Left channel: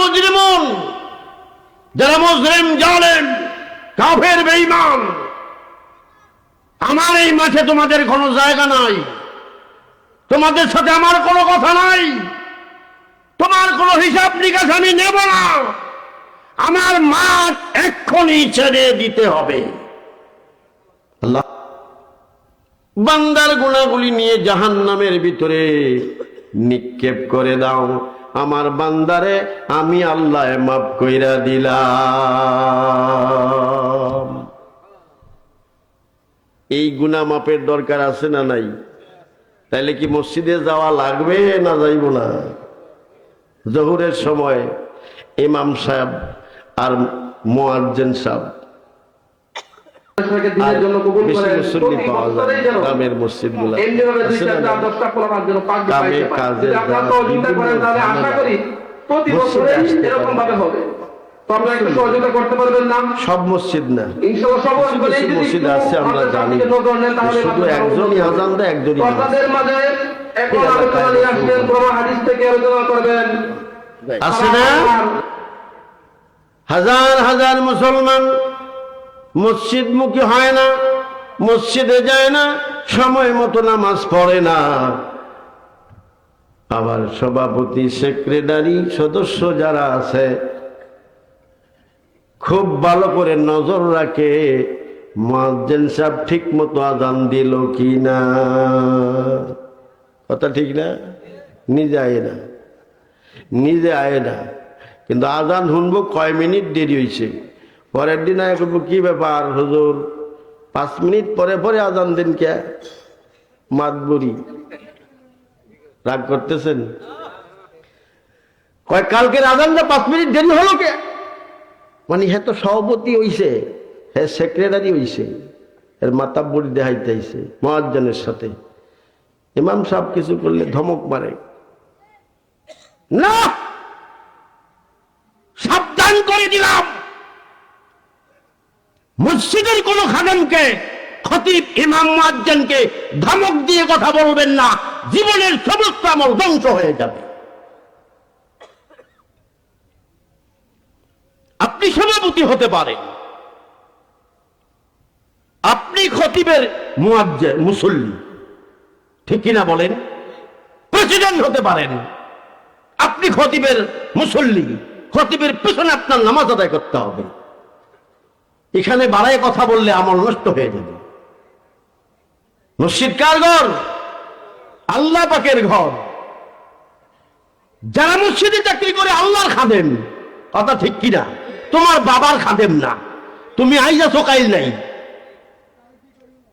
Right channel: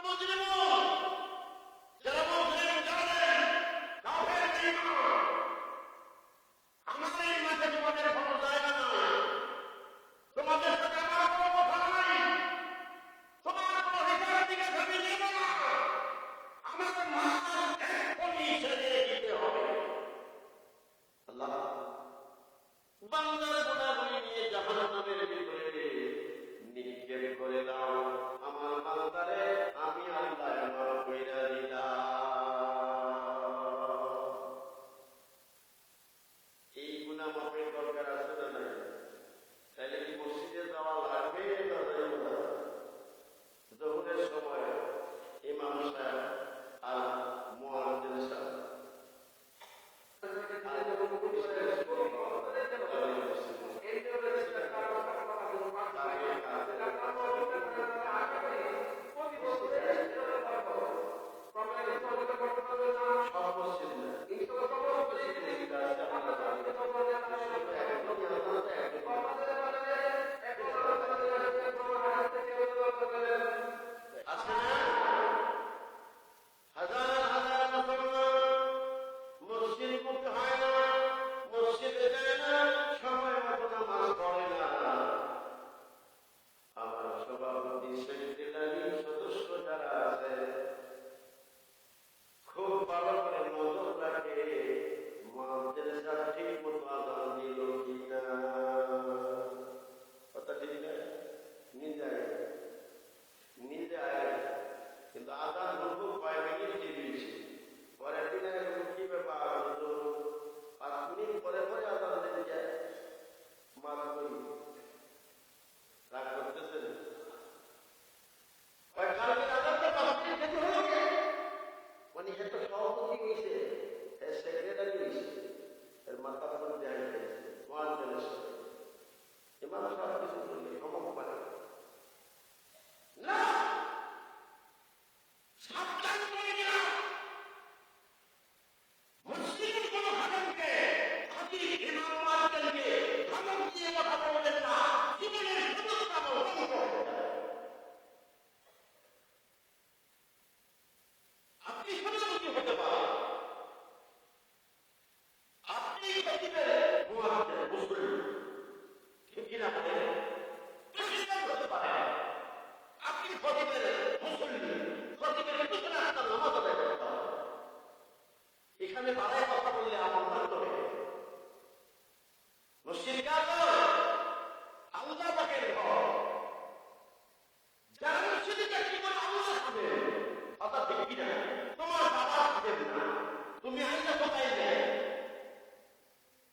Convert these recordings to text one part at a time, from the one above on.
মুজরিমুন, যারা মুজরিম, জালেম, কাফের, বেঈমান, আমার এই মাঠে তোমাদের কোনো জায়গা নাই, তোমাদের সাথে আমার কোনো কথা নাই, তোমার কোনো হিসাব নিকাশ আমি নেব না, আমার মাঠ এক্ষুনি ছেড়ে দিতে হবে। আল্লাহ বান্দার গুনাহগুলি নিয়ে জাহান্নামের ভিতরে নিক্ষেপ করে দাও, আমার বান্দারে আমি আল্লাহ মাফ কইরা দিলাম। এই গুনাহ মাপের দরকার আছে না নাই? তাইলে কি মসজিদে যাওয়া লাগবে না যাইব না? জোহরের সময় ইমাম সাহেব আর মুয়াজ্জিন সাহেব গ্রামের মসজিদগুলো সব মসজিদ না, মসজিদ আছে আমরা জানি, শুধু একজনই আজান দেয়, একজনই আছে না। হাজার হাজার মুসলমান মসজিদ মুখী হয় না, মসজিদে যায় না, সময় মতো নামাজ পড়ে না, আবার সভাপতি, সেক্রেটারি, সদস্য যারা আছে খুব ভালো করে নজর রাখে মুয়াজ্জিন সাহেব ঠিক মতো আজান দিল কি না। কথা ঠিক না? নিজে আয় না, নিজে আয় না, কিন্তু আজান শুনবো কয় মিনিট দেরি হয়েছে, পরের দিন আয় করবো কি ব্যাপার হুজুর 5 মিনিট পরে পরে আজান দিন কে? মাতবুরি রাগ করতেছেন? কয় কালকের আজানটা 5 মিনিট দেরি হলো কে? মানে হ্যাঁ তো সভাপতি হইছে, হ্যাঁ সেক্রেটারি হইছে, এর মাতাব্বরি দেখাইতেছে মুয়াজ্জিনের সাথে। ইমাম সাহেব কিছু করলে ধমক মারে না, সাবধান করে দিলাম, মসজিদের কোন খাদেমকে, খতিব, ইমাম, মুয়াজ্জিনকে ধমক দিয়ে কথা বলবেন না, জীবনের সমস্ত আমল ধ্বংস হয়ে যাবে। আপনি সভাপতি হতে পারেন, আপনি খতিবের মুয়াজ্জিন, মুসল্লি, ঠিক কিনা বলেন? প্রেসিডেন্ট হতে পারেন, আপনি খতিবের মুসল্লি, খতিবের পেছনে আপনার নামাজ আদায় করতে হবে। এখানে বাড়ায় কথা বললে আমল নষ্ট হয়ে যাবে। মসজিদ কার ঘর? আল্লাহ পাকের ঘর। যারা মসজিদে চাকরি করে আল্লাহর খাদেম, কথা ঠিক কিনা? তোমার বাবার খাদেম না, তুমি আইজা সকাইল নাই,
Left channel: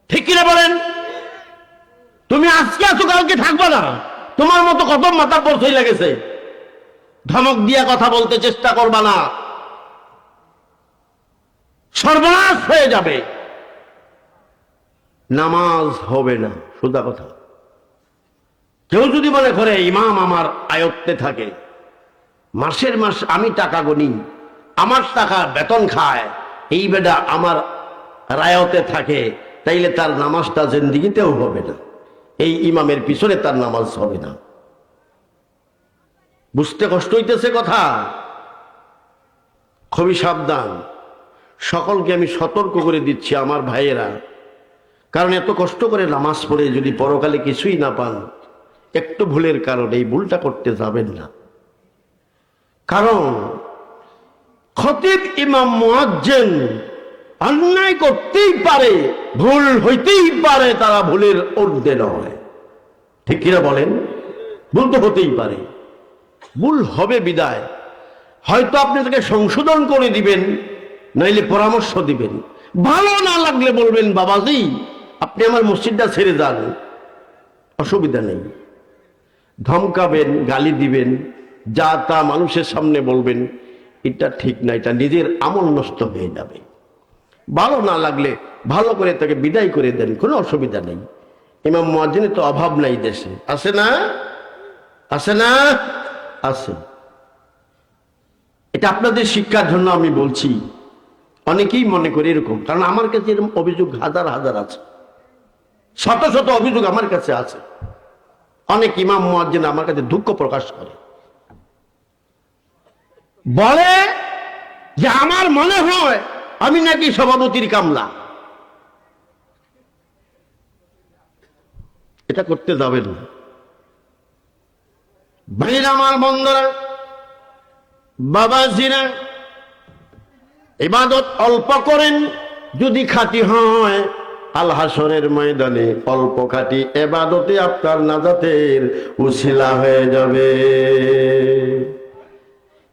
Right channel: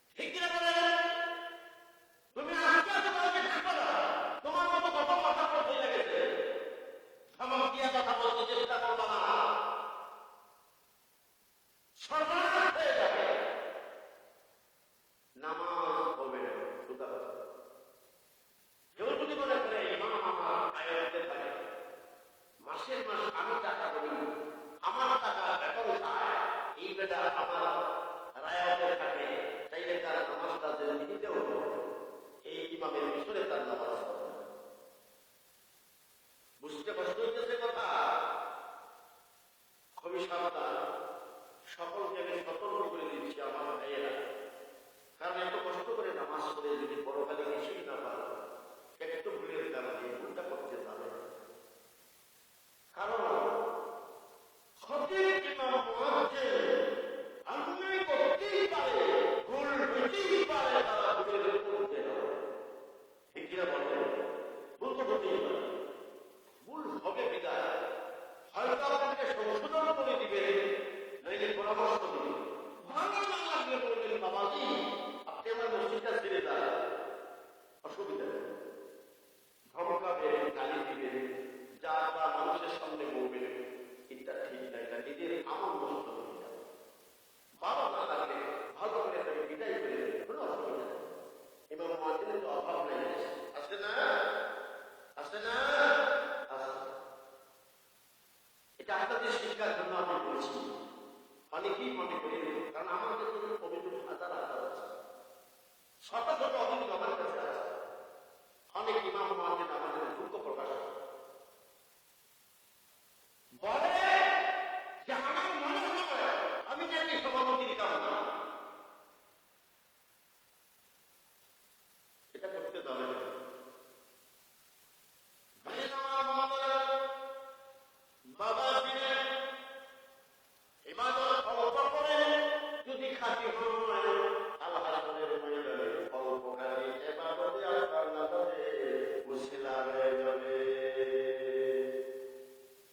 ঠিক কিনা বলেন? তুমি আজকে আছো কালকে থাকবা না, তোমার মতো কত মাথা পড়ছই লাগেছে, ধমক দিয়া কথা বলতে চেষ্টা করবা না, সর্বনাশ হয়ে যাবে, নামাজ হবে না। সোজা কথা। কেউ যদি মনে করে ইমাম আমার আয়ত্তে থাকে, মাসের মাস আমি টাকা গনি, আমার টাকা বেতন খায়, এই বেটা আমার রায়তে থাকে, তাইলে তার নামাজটা জিন্দিগিতেও হবে না, এই ইমামের পিছনে তার নামাজ হবে না। বুঝতে কষ্ট হইতেছে কথা? খুবই সাবধান। সকলকে আমি সতর্ক করে দিচ্ছি আমার ভাইয়েরা, কারণ এত কষ্ট করে নামাজ পড়ে যদি পরকালে কিছুই না পান, একটু ভুলের কারণে এই ভুলটা করতে যাবেন না। কারণ খতিব, ইমাম, মুয়াজ্জিন অন্যায় করতেই পারে, ভুল হইতেই পারে, তারা ভুলের ঊর্ধ্বে নয়, ঠিক কিনা বলেন? ভুল তো হতেই পারে, ভুল হবে বিদায় হয়তো আপনি তাকে সংশোধন করে দিবেন, নাইলে পরামর্শ দিবেন, ভালো না লাগলে বলবেন বাবাজি আপনি আমার মসজিদটা ছেড়ে যান, অসুবিধা নেই। ধমকাবেন, গালি দিবেন, যা তা মানুষের সামনে বলবেন, এটা ঠিক না, এটা নিজের আমল নষ্ট হয়ে যাবে। ভালো না লাগলে ভালো করে তাকে বিদায় করে দেন, কোনো অসুবিধা নেই। ইমাম মুয়াজ্জিনের তো অভাব নাই দেশে, আছে না? আছে না? আছে। এটা আপনাদের শিক্ষার জন্য আমি বলছি। অনেকেই মনে করে এরকম, কারণ আমার কাছে এরকম অভিযোগ হাজার হাজার আছে, শত শত অভিযোগ আমার কাছে আছে। অনেক ইমাম মুয়াজ্জিন আমার কাছে দুঃখ প্রকাশ করে, বলে যে আমার মনে হয় আমি নাকি সভাপতির কামলা। এটা করতে যাবেন না ভাইরা আমার, বন্ধুরা, বাবাজিরা। ইবাদত অল্প করেন, যদি খাঁটি হয় আল হাসরের ময়দানে অল্প খাঁটি ইবাদতে আপনার নাজাতের উসিলা হয়ে যাবে।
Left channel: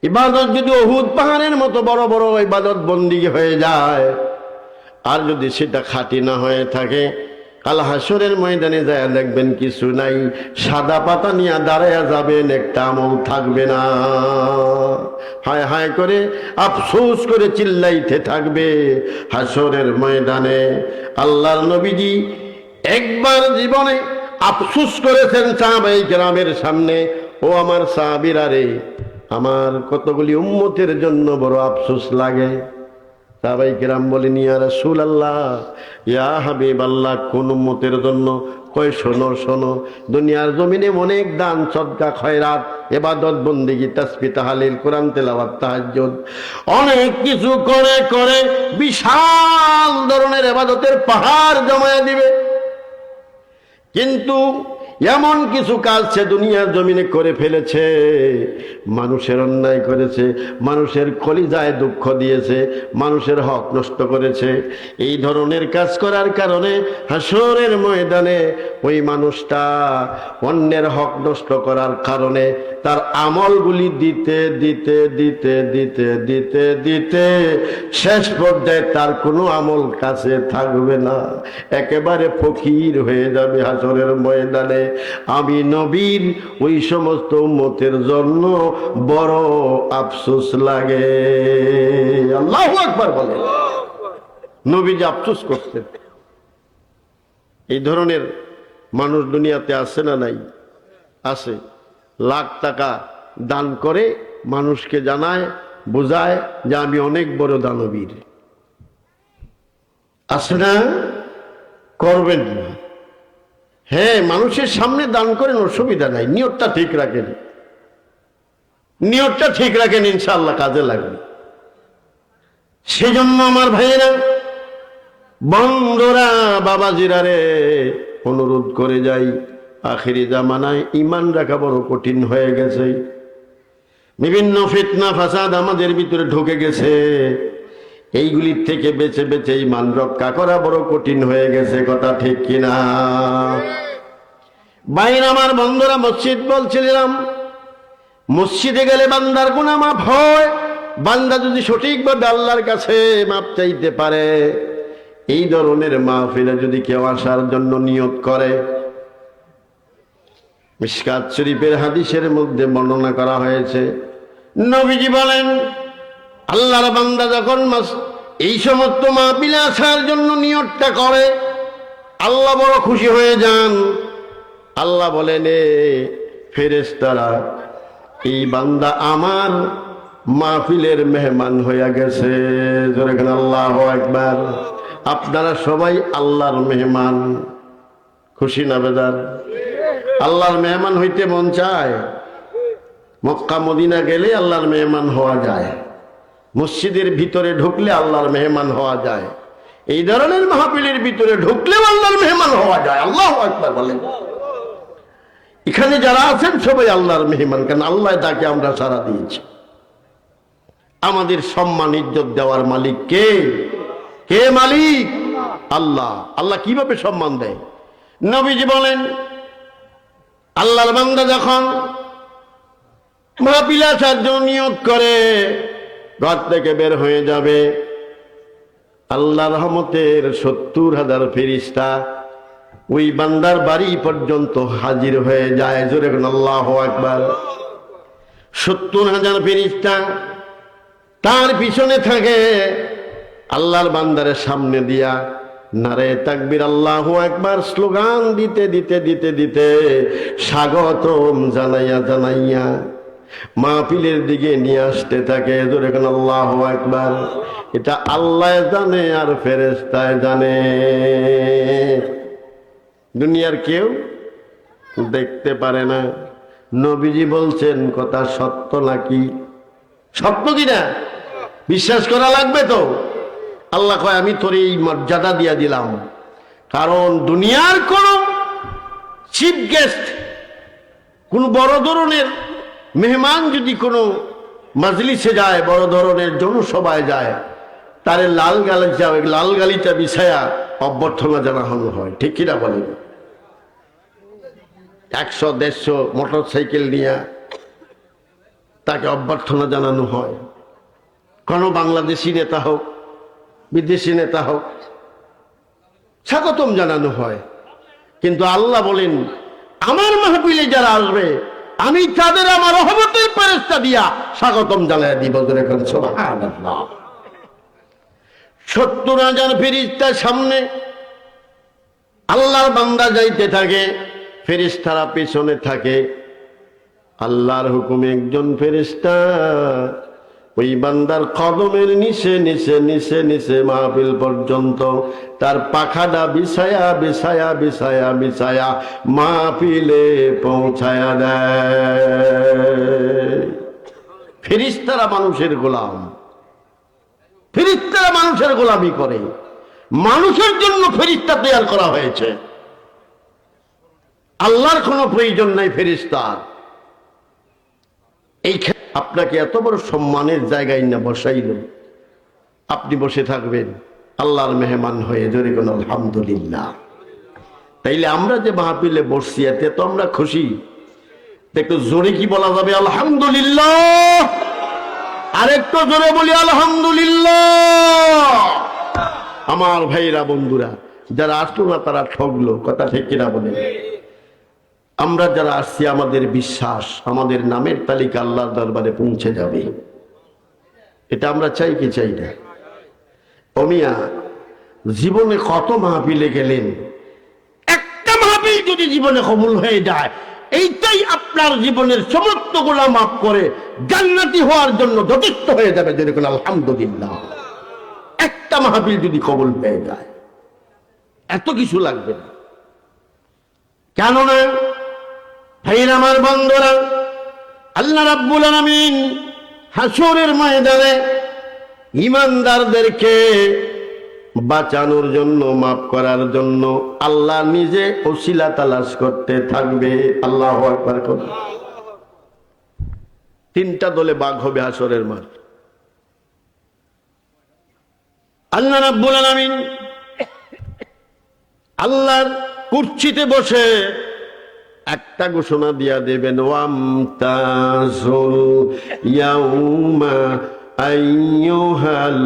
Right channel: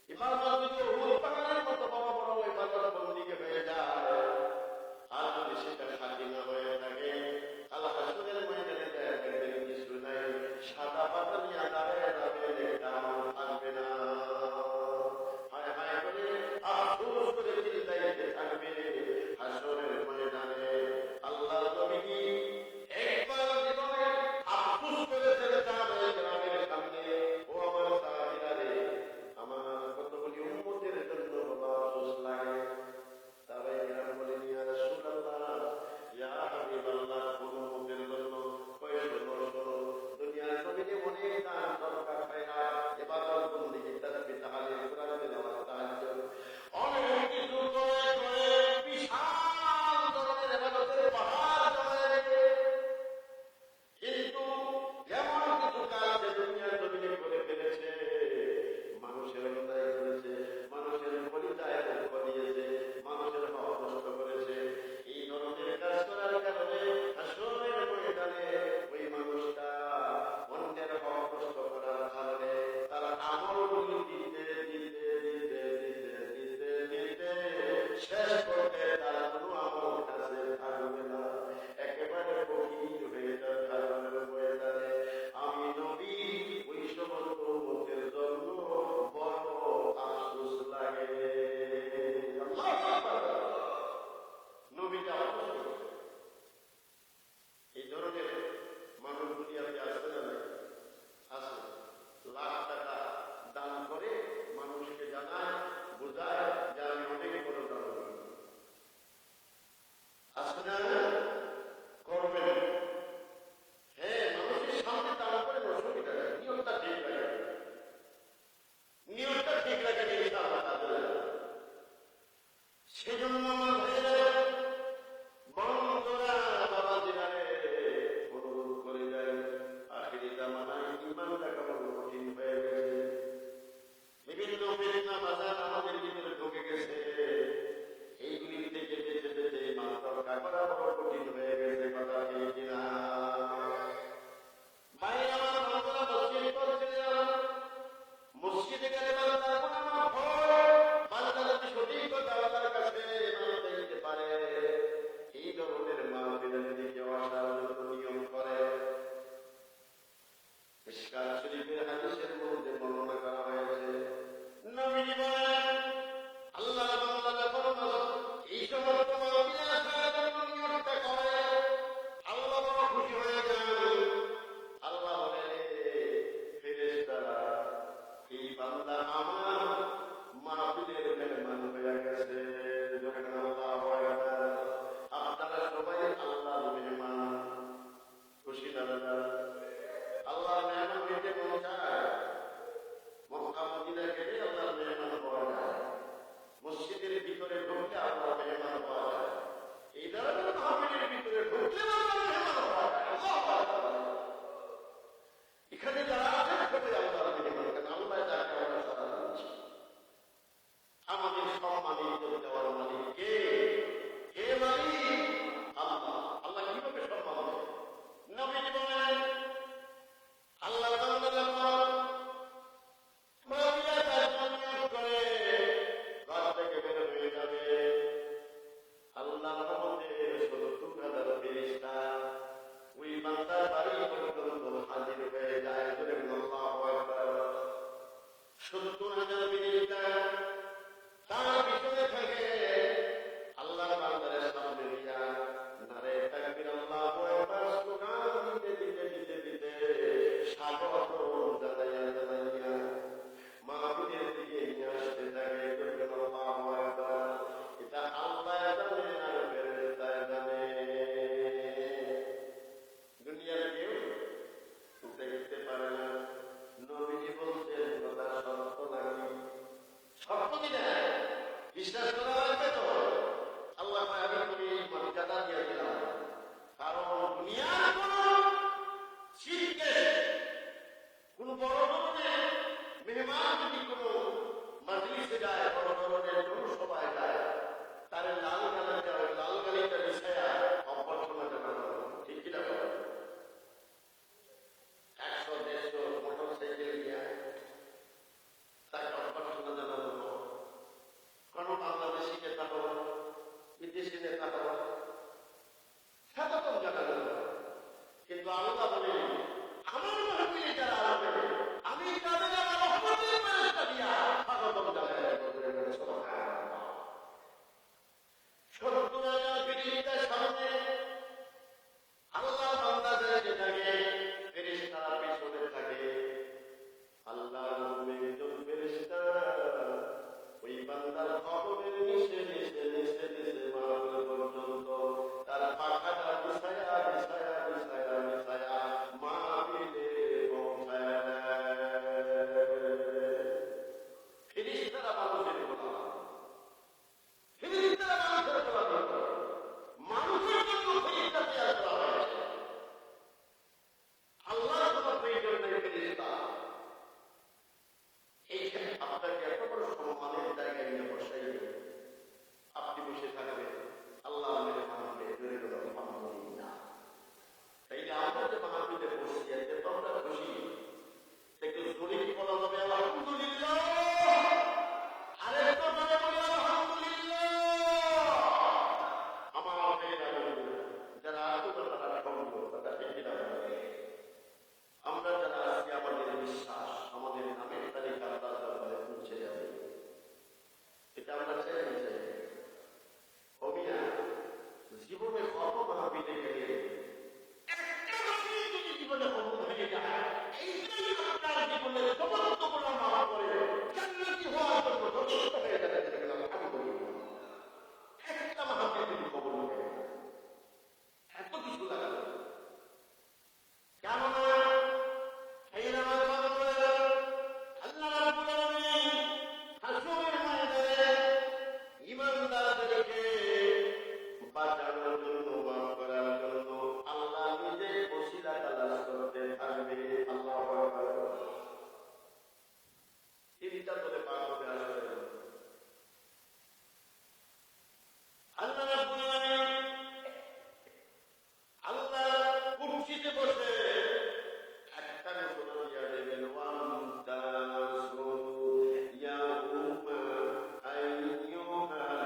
ইবাদত যদি উহুদ পাহাড়ের মতো বড় বড় ইবাদত বন্দিগি হয়ে যায়, আর যদি সেটা খাঁটি না হয়ে থাকে, কাল হাসরের ময়দানে যায় দেখবেন কিছু নাই, সাদা পাতা নিয়ে দাঁড়ায়া যাবেন, একটা আমল থাকবে না। হায় হায় করে আফসোস করে চিল্লাইতে থাকবে হাসরের ময়দানে। আল্লাহর নবীজি একবার জীবনে আফসোস করেছেন সাহাবায়ে কেরামের সামনে, ও আমার সাহাবীরা রে, আমার কতগুলি উম্মতের জন্য বড় আফসোস লাগে। সাহাবায়ে কেরাম বলেন, ইয়া রাসূলুল্লাহ, ইয়া হাবিবাল্লাহ, কোন উম্মতের জন্য? কয়, শোনো শোনো, দুনিয়ার জমিনে অনেক দান সদকা খয়রাত ইবাদত বন্দেগী তাসবিহ তাহলিল কোরআন তেলাওয়াত তাহাজ্জুদ অনেক কিছু করে করে বিশাল ধরনের ইবাদতের পাহাড় জমায়া দিবে, কিন্তু এমন কিছু কাজ সে দুনিয়ার জমিনে করে ফেলেছে, মানুষের অন্যায় করেছে, মানুষের কলিজায় দুঃখ দিয়েছে, মানুষের হক নষ্ট করেছে। এই ধরনের কাজ করার কারণে হাসরের ময়দানে ওই মানুষটা অন্যের হক নষ্ট করার কারণে তার আমলগুলি দিতে দিতে দিতে দিতে দিতে দিতে শেষ পর্যায়ে তার কোনো আমল কাছে থাকবে না, একেবারে ফকির হয়ে যাবে হাসরের ময়দানে। আমি নবীর ওই সমস্ত উম্মতের জন্য বড় আফসোস লাগে। আল্লাহু আকবার বলে। নবী যে আফসোস করতেন। এই ধরনের মানুষ দুনিয়াতে আছে না নাই? আছে। লাখ টাকা দান করে মানুষকে জানায়, বোঝায় যে আমি অনেক বড় দানবীর। আছে না? করবেন না। হ্যাঁ, মানুষের সামনে দান করেন, অসুবিধা নাই, নিয়তটা ঠিক রাখেন, নিয়তটা ঠিক রাখেন, ইনশাআল্লাহ কাজে লাগবে। সেজন্য আমার ভাইয়েরা, বন্ধুরা, বাবাজিরা রে, অনুরোধ করে যাই, আখিরি জামানায় ঈমান রাখা বড় কঠিন হয়ে গেছে। বিভিন্ন ফিতনা ফাসাদ আমাদের ভিতরে ঢুকে গেছে, এইগুলির থেকে বেঁচে বেঁচে ঈমান রক্ষা করা বড় কঠিন হয়ে গেছে। কথা ঠিক কিনা? বাইরে আমার বন্ধুরা, মসজিদ বলছিলাম, মসজিদে গেলে বান্দার গুনাহ মাফ হয়, বান্দা যদি সঠিকভাবে আল্লাহর কাছে মাপ চাইতে পারে। এই ধরনের মাহফিলে যদি কেউ আসার জন্য নিয়ত করে, মিশকাত শরীফের হাদিসের মধ্যে বর্ণনা করা হয়েছে, নবীজি বলেন, আল্লাহর বান্দা যখন এই সমস্ত মাহফিলে আসার জন্য নিয়তটা করে, আল্লাহ বড় খুশি হয়ে যান। আল্লাহ বলেন, এ ফেরেশতারা, এই বান্দা আমার মাহফিলের মেহমান হইয়া গেছে। যেরকম আল্লাহু আকবার। আপনারা সবাই আল্লাহর মেহমান। খুশি না বেজার? আল্লাহর মেহমান হইতে মন চায়? মক্কা মদিনা গেলে আল্লাহর মেহমান হওয়া যায়, মসজিদের ভিতরে ঢুকলে আল্লাহর মেহমান হওয়া যায়, এই ধরনের মাহফিলের ভিতরে ঢুকলেও আল্লাহর মেহমান হওয়া যায়। আল্লাহু আকবার বলেন। এখানে যারা আছেন সবাই আল্লাহর মেহমান, কেন আল্লাহ তাকে আমরা সাড়া দিয়েছি। আমাদের সম্মান ইজ্জত দেওয়ার মালিক কে? কে মালিক? আল্লাহ। আল্লাহ কিভাবে সম্মান দেয়? নবীজি বলেন, আল্লাহর বান্দা যখন মাহফিলে আসার জন্য নিয়ত করে ঘর থেকে বের হয়ে যাবে, আল্লাহ রহমতের 70,000 ফেরেশতা ওই বান্দার বাড়ি পর্যন্ত হাজির হয়ে যায়। জোরে বলুন আল্লাহু আকবার। 70,000 ফেরেশতা তার পিছনে থাকে, আল্লাহর বান্দারের সামনে দিয়া নারে তাকবীর আল্লাহু আকবার স্লোগান দিতে দিতে দিতে দিতে স্বাগতম জানাইয়া জানাইয়া মাহফিলের দিকে নিয়ে আসতে থাকে। জোরে বলুন আল্লাহু আকবার। এটা আল্লাহ জানে আর ফেরেশতায় জানে, দুনিয়ার কেউ দেখতে পারে না। নবীজি বলছেন, কথা সত্য নাকি? সত্য কিনা? বিশ্বাস করা লাগবে তো। আল্লাহ কয় আমি তোর এই মর্যাদা দিয়া দিলাম, কারণ দুনিয়ার কোন চিফ গেস্ট, কোন বড় ধরনের মেহমান যদি কোনো মাজলিসে যায়, বড় ধরনের জনসভায় যায়, তারে লাল গালিটা বিছায়া অভ্যর্থনা জানানো হয়, ঠিক কিনা বলেন? 100-150 মোটর সাইকেল নিয়ে তাকে অভ্যর্থনা জানানো হয়। কোনো বাংলাদেশি নেতা হোক, বিদেশি নেতা হোক, স্বাগতম জানানো হয়। কিন্তু আল্লাহ বলেন আমার মাহফিলে যারা আসবে আমি তাদের আমার রহমতের ফেরেশতা দিয়া স্বাগতম জানায় দিব। সুবহানাল্লাহ। 70,000 ফেরেশতার সামনে আল্লাহর বান্দা যাইতে থাকে, ফেরেশতারা পেছনে থাকে। আল্লাহর হুকুমে একজন ফেরেশতা ওই বান্দার কদমের নিচে নিচে নিচে নিচে মাহফিল পর্যন্ত তার পাখাটা বিছায়া বিছায়া বিছায়া বিছায়া মাহফিলে পৌঁছায়া দেয়। ফেরেশতারা মানুষের গোলাম, ফেরেশতারা মানুষের গোলামি করে। মানুষের জন্য ফেরেশতা তৈরি করা হয়েছে, আল্লাহর কোনো প্রয়োজন নাই ফেরেশতার। এই আপনাকে এত বড় সম্মানের জায়গায় না বসাইল, আপনি বসে থাকবেন আল্লাহর মেহমান হয়ে। জোরে কোন আলহামদুলিল্লাহ। তাইলে আমরা যে মাহফিলে বসছি এতে তো আমরা খুশি। একটু জোরে কি বলা যাবে? আলহামদুলিল্লাহ। আরেকটু জোরে বলি আলহামদুলিল্লাহ। আমার ভাইরা বন্ধুরা, যারা আসলো না তারা ঠকলো, কথা ঠিক কিনা বলে? আমরা যারা আসছি আমাদের বিশ্বাস আমাদের নামের তালিকা আল্লাহর দরবারে পৌঁছে যাবে, এটা আমরা চাই কি চাই না? অমিয়া জীবনে কত মাহফিলে গেলেন, একটা মাহফিল যদি জীবনে কবুল হয়ে যায় এইটাই আপনার জীবনের সমস্ত গুনাহ মাফ করে জান্নাতি হওয়ার জন্য যথেষ্ট হয়ে যাবে। যেরকম আলহামদুলিল্লাহ, একটা মাহফিল যদি কবুল পেয়ে যায় এত কিছু লাগবে না। কেননা ভাইরা আমার বন্ধুরা, আল্লাহ রাব্বুল আলামিন হাসরের ময়দানে ঈমানদারদেরকে বাঁচানোর জন্য, মাফ করার জন্য আল্লাহ নিজে ওসিলা তালাশ করতে থাকবে। আল্লাহু আকবার। তিনটা দলে ভাগ হবে হাসরের মাঠ। আল্লাহ রাব্বুল আলামিন আল্লাহর কুরসিতে বসে একটা ঘোষণা দিয়া দেবেন, ওয়ামতাজুল ইয়াউমা আইয়ুহাল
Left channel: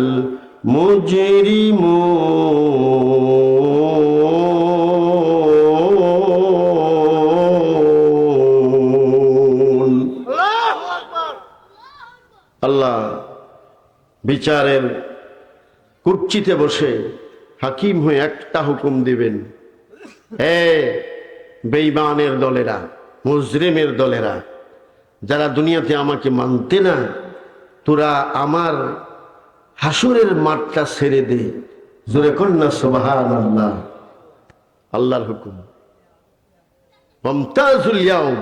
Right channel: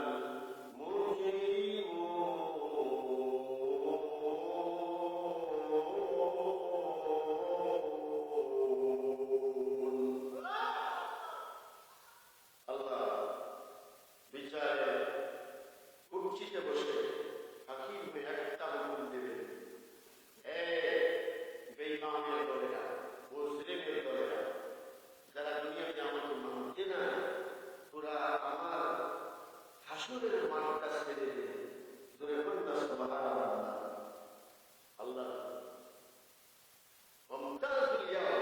মুজরিমুন। আল্লাহ বিচারের কুরসিতে বসে হাকিম হয়ে একটা হুকুম দিবেন, হে বেঈমানের দলেরা, মুজরিমের দলেরা, যারা দুনিয়াতে আমাকে মানতে না, তোরা আমার হাসরের মাঠটা ছেড়ে দে। জোরে কন্যা সুবহানাল্লাহ। আল্লাহর হুকুম, মুমতাজুল ইয়াউম,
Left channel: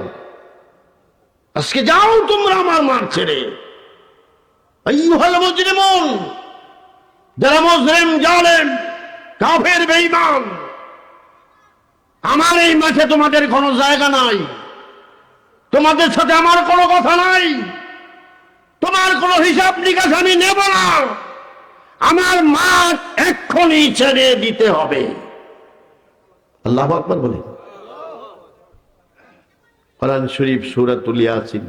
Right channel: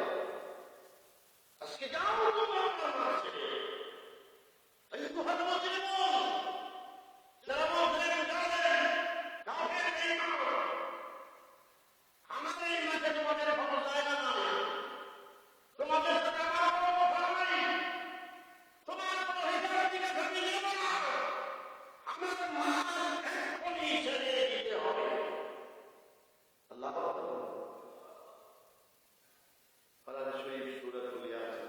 আজকে যাও তোমরা আমার মাঠ ছেড়ে। আইয়ুহাল মুজরিমুন, যারা মুজরিম, জালেম, কাফের, বেঈমান, আমার এই মাঠে তোমাদের কোনো জায়গা নাই, তোমাদের সাথে আমার কোনো কথা নাই, তোমার কোনো হিসাব নিকাশ আমি নেব না। আমার মাঠ এক্ষুনি ছেড়ে দিতে হবে। আল্লাহু আকবার বলে। কোরআন শরীফ সূরাতুল ইয়াসিন।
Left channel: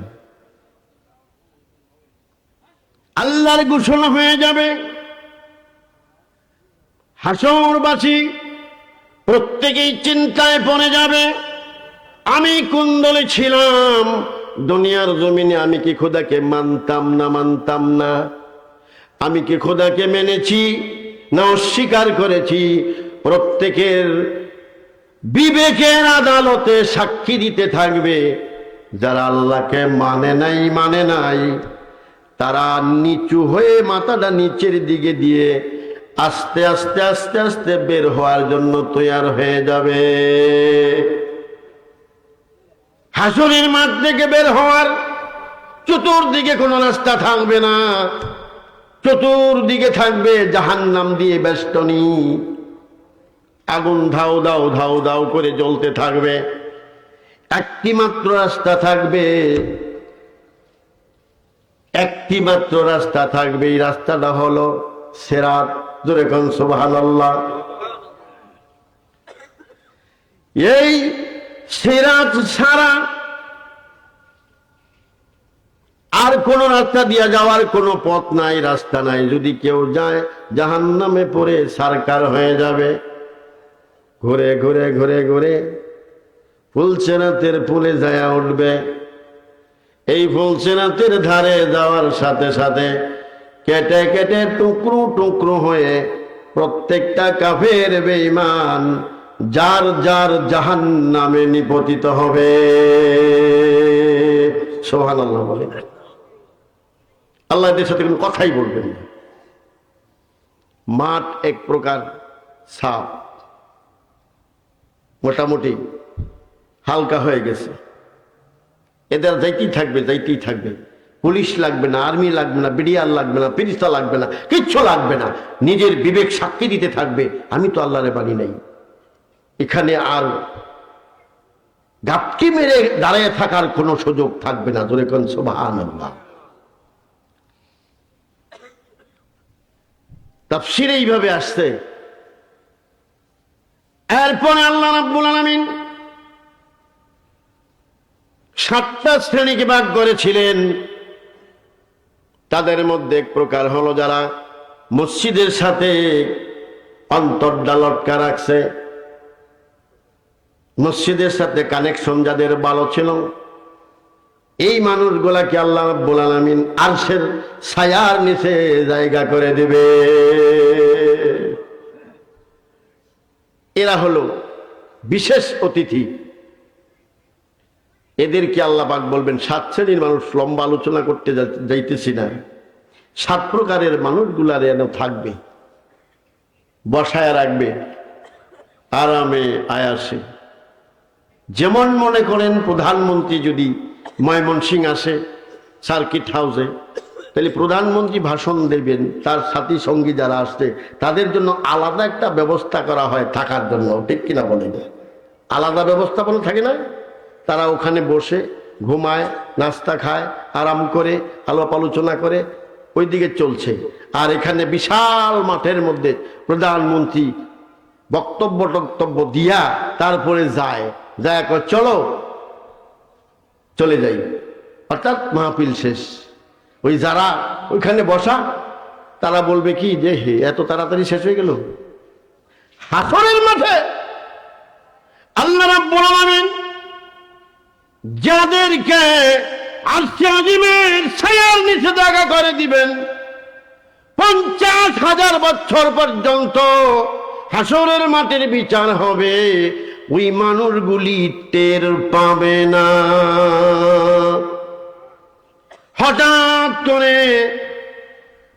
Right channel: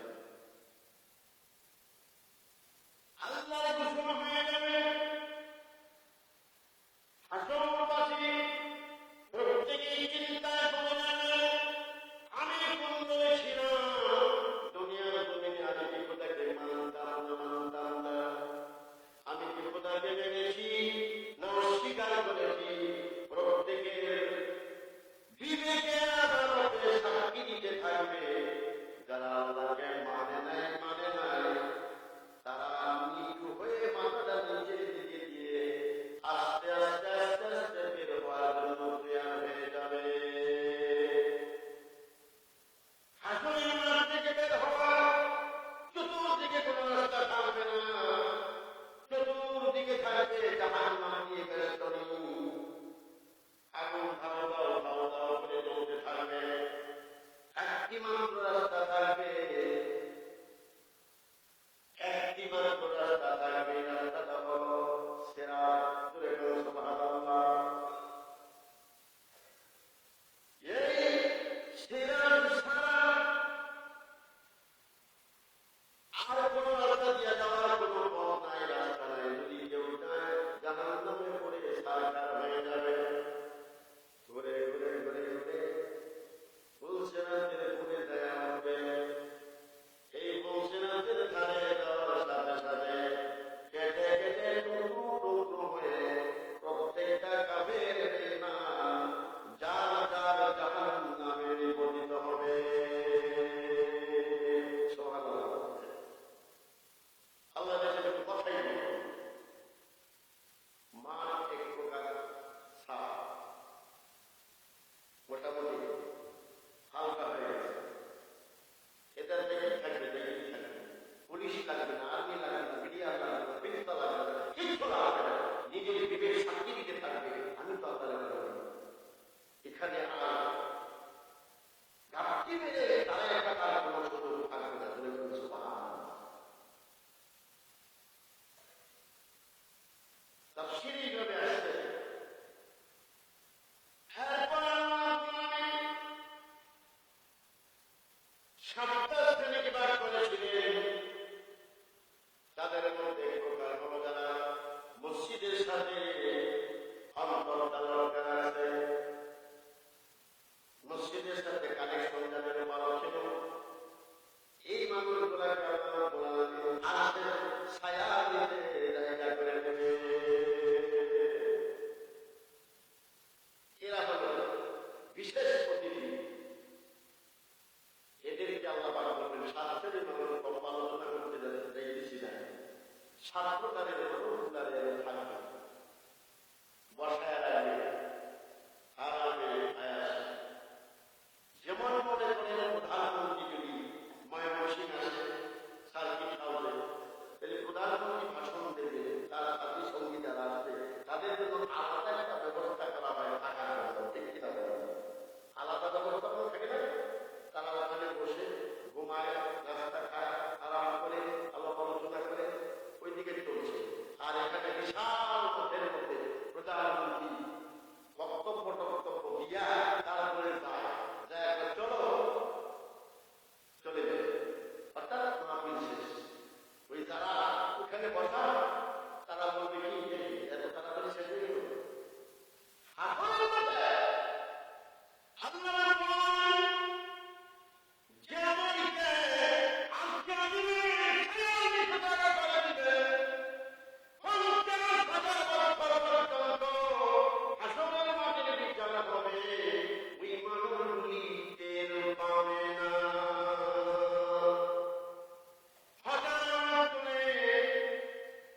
আল্লাহর ঘোষণা হয়ে যাবে, হাসরবাসী প্রত্যেকেই চিন্তায় পড়ে যাবে, আমি কোন দলে ছিলাম দুনিয়ার জমিনে? আমি কি খোদাকে মানতাম না মানতাম না? আমি কি খোদাকে মেনেছি না অস্বীকার করেছি? প্রত্যেকের বিবেকের আদালতে সাক্ষী দিতে থাকবে। যারা আল্লাহকে মানে নাই তারা নিচু হয়ে মাথাটা নিচের দিকে দিয়ে আস্তে আস্তে আস্তে আস্তে বের হওয়ার জন্য তৈরি হয়ে যাবে। হাসরের মাঠ থেকে বের হওয়ার চতুর্দিকে কোনো রাস্তা থাকবে না, চতুর্দিকে থাকবে জাহান্নাম দিয়ে বেষ্টনী, আগুন ধাউ দাও ধাউ দাউ করে জ্বলতে থাকবে। একটি মাত্র রাস্তা থাকবে, একটি মাত্র রাস্তা থাকবে, এই রাস্তাটা হলো সিরাত। জোরে কোন সুবহানাল্লাহ। এই সিরাত ছাড়া আর কোন রাস্তা দিয়ে যাওয়ার কোনো পথ নাই, রাস্তা নাই। যদি কেউ যায় জাহান্নামে পড়ে সারকার হয়ে যাবে। ঘুরে ঘুরে ঘুরে ঘুরে ফুলসেরাতের পুলে যায় উঠবে। এই ফুলসেরাতের ধারে যাওয়ার সাথে সাথে কেটে কেটে টুকরো টুকরো হয়ে প্রত্যেকটা কাফের বেঈমান যার যার জাহান্নামে নিপতিত হবে। সুবহানাল্লাহ বলেন। আল্লাহ এদের সাথে কোনো কথাই বলবেন না। মাঠ এক প্রকার সাপ, মোটামুটি হালকা হয়ে গেছে। এদের যাইতেই থাকবে, যাইতেই থাকবে। পুলিশ লাগবে না, আর্মি লাগবে না, বিডিআর লাগবে না, ফেরেশতা লাগবে না, কিচ্ছু লাগবে না। নিজের বিবেক সাক্ষী দিতে থাকবে, আমি তো আল্লাহরে বানি নাই। এখানে আর গাপটি মেরে দাঁড়িয়ে থাকার কোনো সুযোগ থাকবে না। জোরে কোন সুবহানাল্লাহ। তাফসীরে এইভাবে আসছে। এরপরে আল্লাহ রাব্বুল আলামিন 7টা শ্রেণীকে ভাগ করেছিলেন। তাদের মধ্যে এক প্রকার হলো যারা মসজিদের সাথে অন্তরটা লটকা রাখছে, মসজিদের সাথে কানেকশন যাদের ভালো ছিল, এই মানুষগুলাকে আল্লাহ রাব্বুল আলামিন আরশের ছায়ার নিচে জায়গা করে দিবে। এরা হলো বিশেষ অতিথি। এদেরকে আল্লাহ পাক বলবেন 7 শ্রেণীর মানুষ, লম্বা আলোচনা করতে যাইতেছি না। 7 প্রকারের মানুষগুলার যেন থাকবে, বসায় রাখবে আরামে আয়াসে। যেমন মনে করেন প্রধানমন্ত্রী যদি ময়মনসিংহ আসে সার্কিট হাউসে, তাহলে প্রধানমন্ত্রী ভাষণ দেবেন, তার সাথী সঙ্গী যারা আসছে তাদের জন্য আলাদা একটা ব্যবস্থা করা হয় থাকার জন্য। ঠিক কিনা বলেন? আলাদা ব্যবস্থাপনা থাকে না? তারা ওখানে বসে ঘুমায়, নাস্তা খায়, আরাম করে, আলাপ আলোচনা করে, ওইদিকে চলছে। আর এখানে বিশাল মাঠের মধ্যে প্রধানমন্ত্রী বক্তব্য দিয়া তারপরে যায় কয় চলো, চলে যাই, অর্থাৎ মাহফিল শেষ। ওই যারা ওইখানে বসা তারা বলবে কি যে হে এত তাড়াতাড়ি শেষ হয়ে গেল। হাসরের মাঠে আল্লাহ রাব্বুল আলামিন যাদেরকে আরশে আজিমের ছায়ার নিচে জায়গা করে দিবেন, 50,000 বছর পর্যন্ত হাসরের মাঠের বিচার হবে। ওই মানুষগুলি টের পাবে না। হঠাৎ করে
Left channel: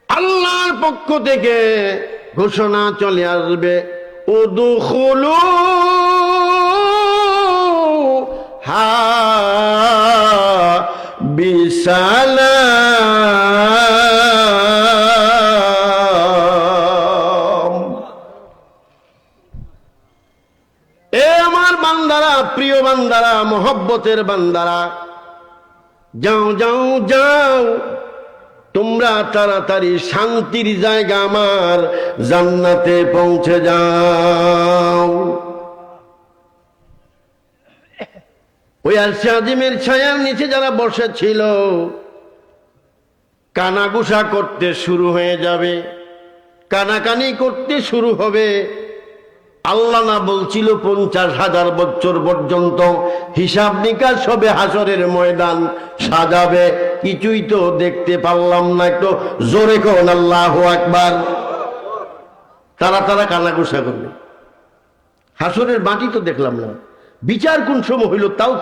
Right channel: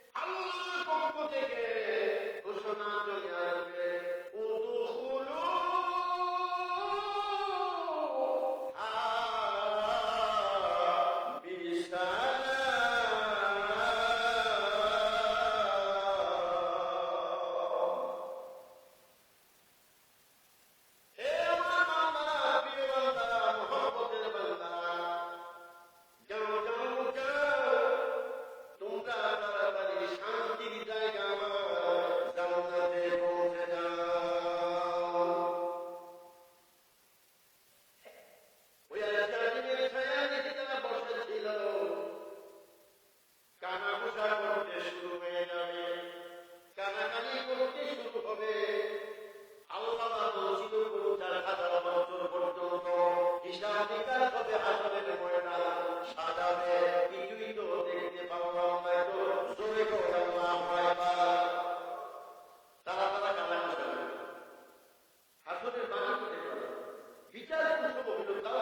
আল্লাহর পক্ষ থেকে ঘোষণা চলে আসবে, উদখুলু হা বিসালাম। এ আমার বান্দারা, প্রিয় বান্দারা, মহব্বতের বান্দারা, যাও যাও যাও, তোমরা তাড়াতাড়ি শান্তির জায়গা আমার জান্নাতে পৌঁছে যাও। ওই আরশে আজিমের ছায়ার নিচে যারা বসেছিল কানাঘুষা করতে শুরু হয়ে যাবে, কানাকানি করতে শুরু হবে। আল্লাহ না বলছিল 50,000 বছর পর্যন্ত হিসাব নিকাশ হবে, হাসরের ময়দান সাজাবে। কিছুই তো দেখতে পারলাম না। একটু জোরে কোন আল্লাহু আকবার। তারা কানাঘুষা করবে। হাসরের মাটি তো দেখলাম না, বিচার কোন সময় হইল তাও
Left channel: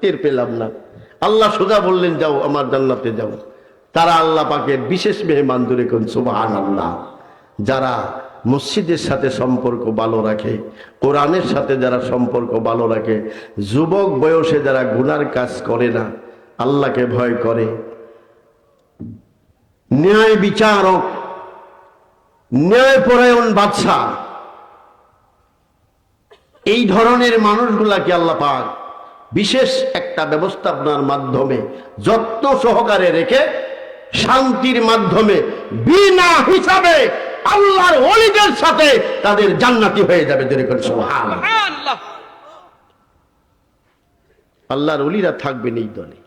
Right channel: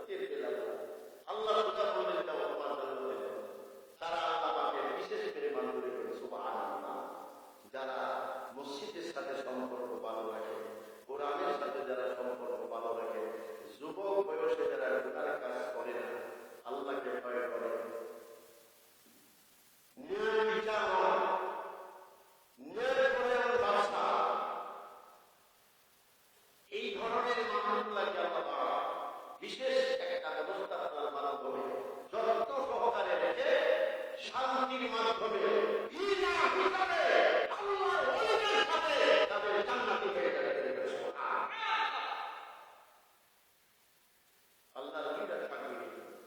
টের পেলাম না। আল্লাহ সোজা বললেন যাও আমার জান্নাতে যাও। তারা আল্লাহ পাকের বিশেষ মেহমান। ধরে কোন সুবহানাল্লাহ। যারা মসজিদের সাথে সম্পর্ক ভালো রাখে, কোরআনের সাথে যারা সম্পর্ক ভালো রাখে, যুবক বয়সে যারা গুনার কাজ করে না, আল্লাহকে ভয় করে, ন্যায় বিচারক, ন্যায়পরায়ণ বাদশা, এই ধরনের মানুষগুলাকে আল্লাহ পাক বিশেষ একটা ব্যবস্থাপনার মাধ্যমে যত্ন সহকারে রেখে শান্তির মাধ্যমে বিনা হিসাবে আল্লাহর ওলিদের সাথে তাদের জান্নাতি হয়ে যাবে। সুবহানাল্লাহ। আল্লাহর ওলিরা থাকবেন এই দলে।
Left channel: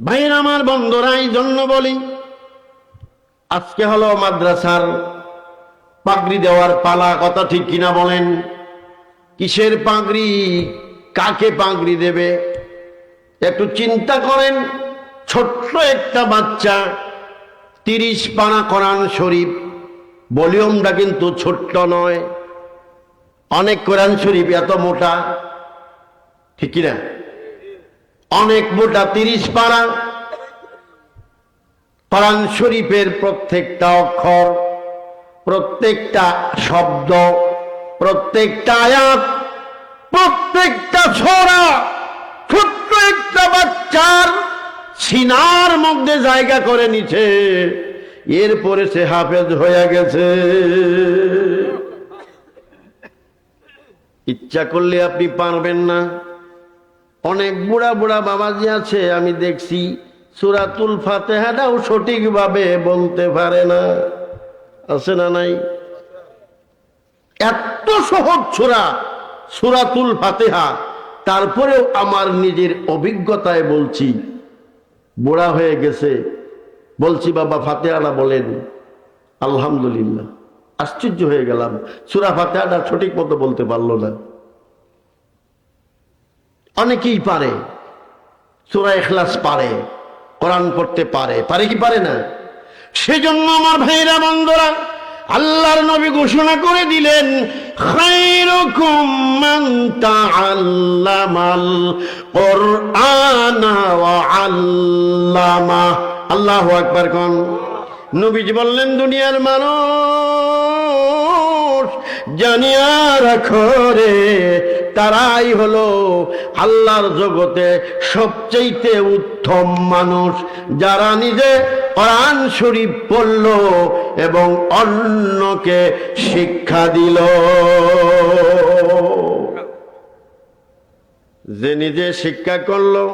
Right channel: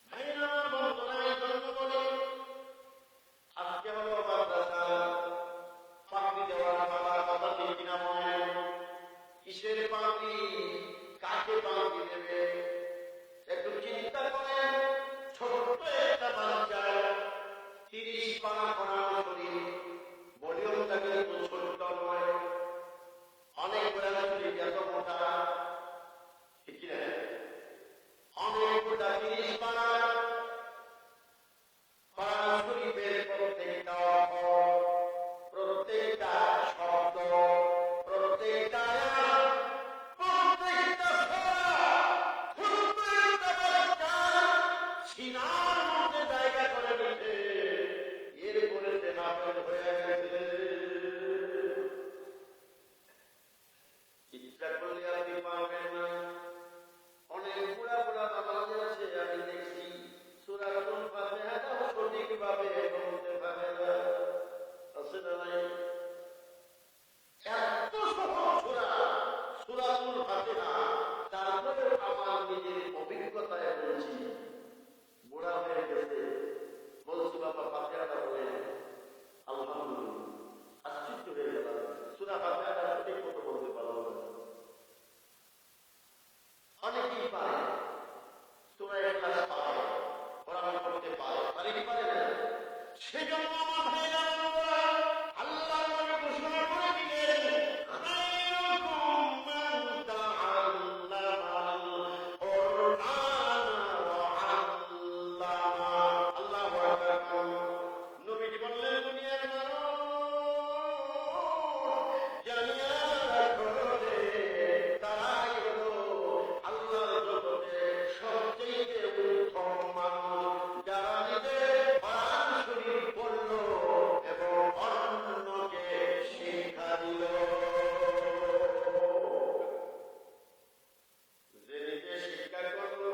ভাইয়ের আমার বন্ধুরা, এই জন্য বলি, আজকে হলো মাদ্রাসার পাগড়ি দেওয়ার পালা, কথা ঠিক কিনা বলেন? কিসের পাগড়ি, কাকে পাগড়ি দেবে একটু চিন্তা করেন। ছোট্ট একটা বাচ্চা 30 পারা কোরআন শরীফ, ভলিউমটা কিন্তু ছোট্ট নয়, অনেক কোরআন শরীফ এত মোটা, ঠিক কিনা? অনেক মোটা 30 পারা কোরআন শরীফের প্রত্যেকটা অক্ষর, প্রত্যেকটা শব্দ, প্রত্যেকটা আয়াত, প্রত্যেকটা সূরা ছোট্ট একটা বাচ্চার সিনার মধ্যে জায়গা করে নিছে, এরপরে সে হাফেজ হয়ে গেছে। ইচ্ছা করলে আপনি পারবেন না। অনেক বুড়া বুড়া বাবাজি আছে, আমি দেখছি সূরাতুল ফাতিহাটাও সঠিকভাবে বলতে পারে না, আছে না নাই? এত সহজ সূরা সূরাতুল ফাতিহা, তারপরেও আমার নিজের অভিজ্ঞতায় বলছি, বুড়া হয়ে গেছে, বলছি বাবা ফাতিহাটা বলেন, আলহামদুলিল্লাহ, আশ্চর্য হয়ে গেলাম, সূরা ফাতিহাটা সঠিক মতো বলতে পারলো না। অনেকেই পারে, সূরা ইখলাস পারে, কোরআন পড়তে পারে, পারে কি পারে না? সেজন্য আমার ভাইরা বন্ধুরা, আল্লাহর নবী ঘোষণা করে দিলেন, খায়রুকুম মান তাআল্লামাল কুরআনা ওয়া আল্লামা। আল্লাহু আকবার কোন। নবীজি বললেন, দুনিয়ার মানুষ জানিয়া রাখো রে, তারাই হলো আল্লাহর জগতে সবচেয়ে উত্তম মানুষ, যারা নিজে কোরআন শরীফ পড়ল এবং অন্যকে শিক্ষা দিল। যে নিজে শিক্ষা করলো,